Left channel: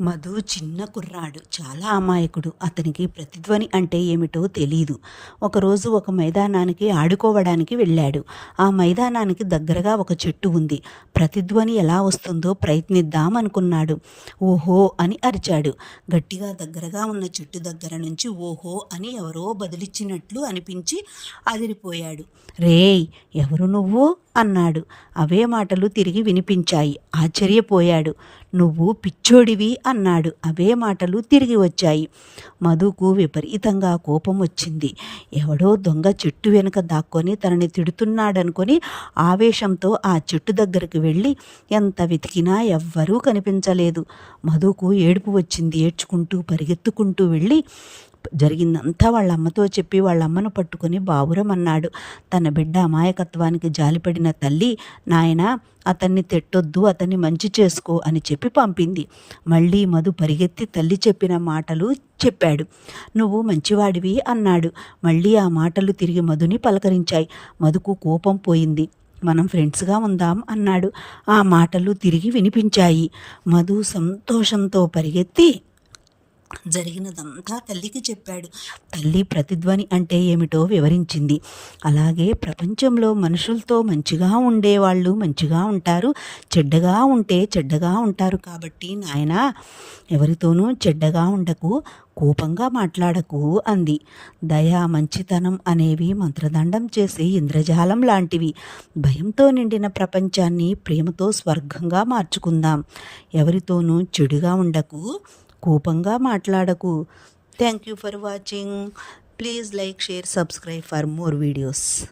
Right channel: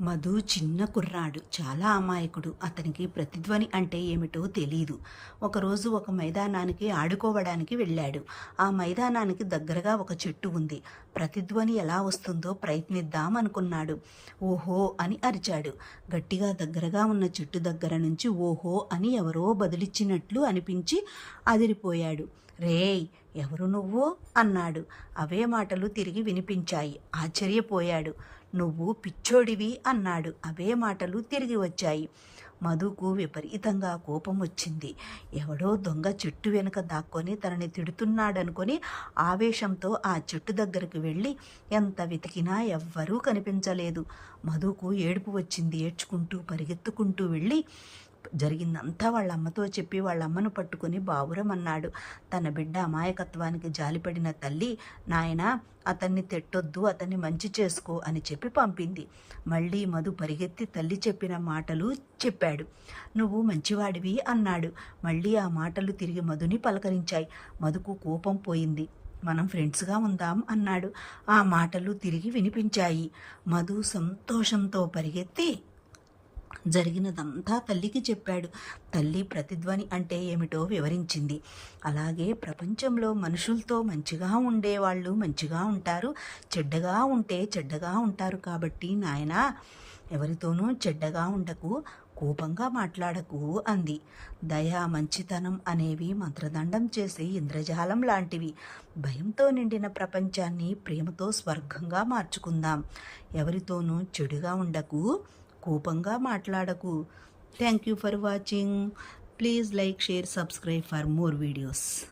మధు చిన్న కుర్రాడు, చాలా అమాయకుడు. అతనికి ప్రతిధ్వని అంటే ఏమిటో తెలీదు. ఒకరోజు ఒక మైదానానికి ఆడుకోవడానికి వెళ్ళాడు. ఆ మైదానానికి దగ్గరగా ఒక చెట్టు ఉంది. ప్రతిధ్వని ఎలా వస్తుందో ప్రయత్నిద్దాం అనుకున్నాడు. ఓహో అని అరిచాడు. గట్టిగా దగ్గరగా ఉన్న చెట్టు దగ్గర నుంచి ఓహో అని ఎవరో బదిలిచ్చినట్లు అనిపించి అదిరిపోయాడు. రేయ్, ఎవరు నువ్వు అన్నాడు. అవే మాటలు తిరిగి వినిపించాయి. ఆశ్చర్యపోయాడు. నువ్వు పిచ్చోడివి అన్నాడు. అవే మాటలు తిరిగి వచ్చాయి. మధుకు విపరీతంగా కోపం వచ్చింది. ఎవడో దొంగ చెట్టు వెనుక దాక్కొని తనని తిడుతున్నాడనుకొని ఆవేశంతో ఆ చెట్టు దగ్గరికి వెళ్ళి ఎంత వెతికినా ఎవ్వరూ కనిపించలేదు. మధుకు ఏడుపు వచ్చింది. ఏడ్చుకుంటూ పరిగెత్తుకుంటూ వెళ్ళి జరిగిందంతా వాళ్ళ అమ్మతో చెప్పి వాళ్ళ అమ్మను పట్టుకొని బావురమన్నాడు. తన బిడ్డ అమాయకత్వానికి జాలిపడిన తల్లి, నాయనా అతన్ని తిట్టొద్దు, అతన్ని మంచి చేసుకో అని చెప్పి పంపింది. మళ్ళీ మధు పరిగెత్తి తల్లి చెప్పిన మాటలు చెప్పాడు. నువ్వు మంచివాడివి అన్నాడు. మళ్ళీ ఆ మాటలు తిరిగి మధుని పలకరించాయి. మధుకు కోపం పోయింది. మనం ఫ్రెండ్స్గా ఉందాం అన్నాడు. ఆ మాటలు తిరిగి వినిపించాయి. మధు సంతోషంతో పరిగెత్తి జరిగినదంతా తల్లికి చెప్పాడు. తల్లి ప్రతిధ్వని అంటే ఏమిటో వివరించింది. అలాగే ప్రపంచంలో మనుషులతో మంచిగా ఉండేవాళ్ళు మంచిగా ఉంటారు, చెడ్డగా ఉంటే చెడ్డగా ఉంటారు. కాబట్టి నాయనా, ఎవరితోనూ చెడ్డగా ఉండకు, కోపంగా మాట్లాడకు అంది. దయ, మంచితనం అనేవి మంత్రదండం చేసే ఇంద్రజాలం లాంటివి. భయంతో నిండిన ప్రపంచాన్ని ప్రేమతో స్వర్గంగా మార్చుకుందాం. ఎవరితోనూ చెడుగా ఉండకు, కోపంగా మాట్లాడకు. Thank you for watching. Please like, share, subscribe for more videos.